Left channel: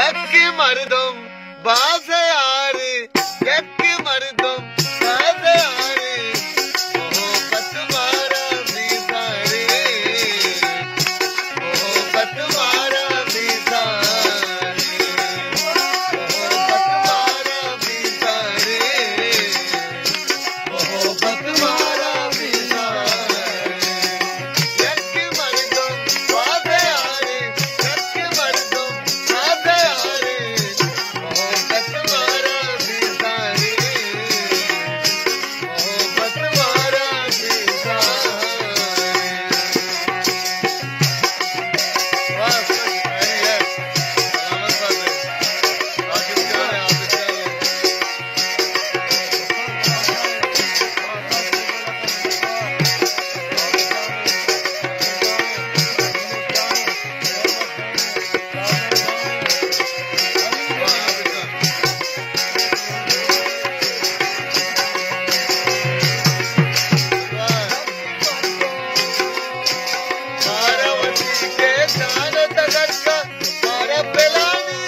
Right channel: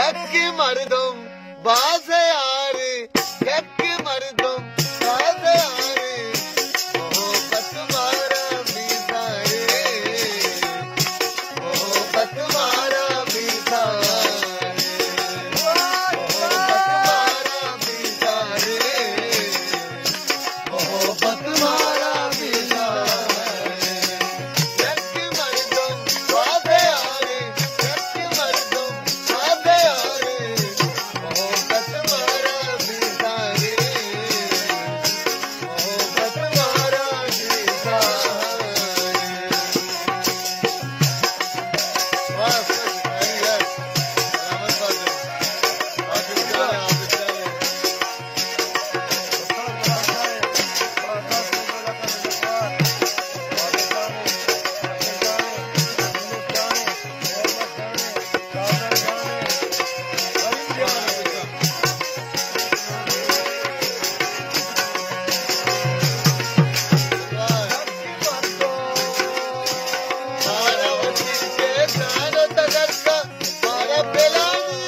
यक्की मर्दम बासे यार यक्की मर्दम बासे यार मोहब्बत मारा भी सारे मोहब्बत मारा भी सारे मोहब्बत मारा भी सारे मोहब्बत मारा भी सारे यक्की मर्दम बासे यार यक्की मर्दम बासे यार मोहब्बत मारा भी सारे मोहब्बत मारा भी सारे। वाह सही है सलामत बात है आगे चले आगे चले मारावती के ज्ञान तगड़का मारा पेलानी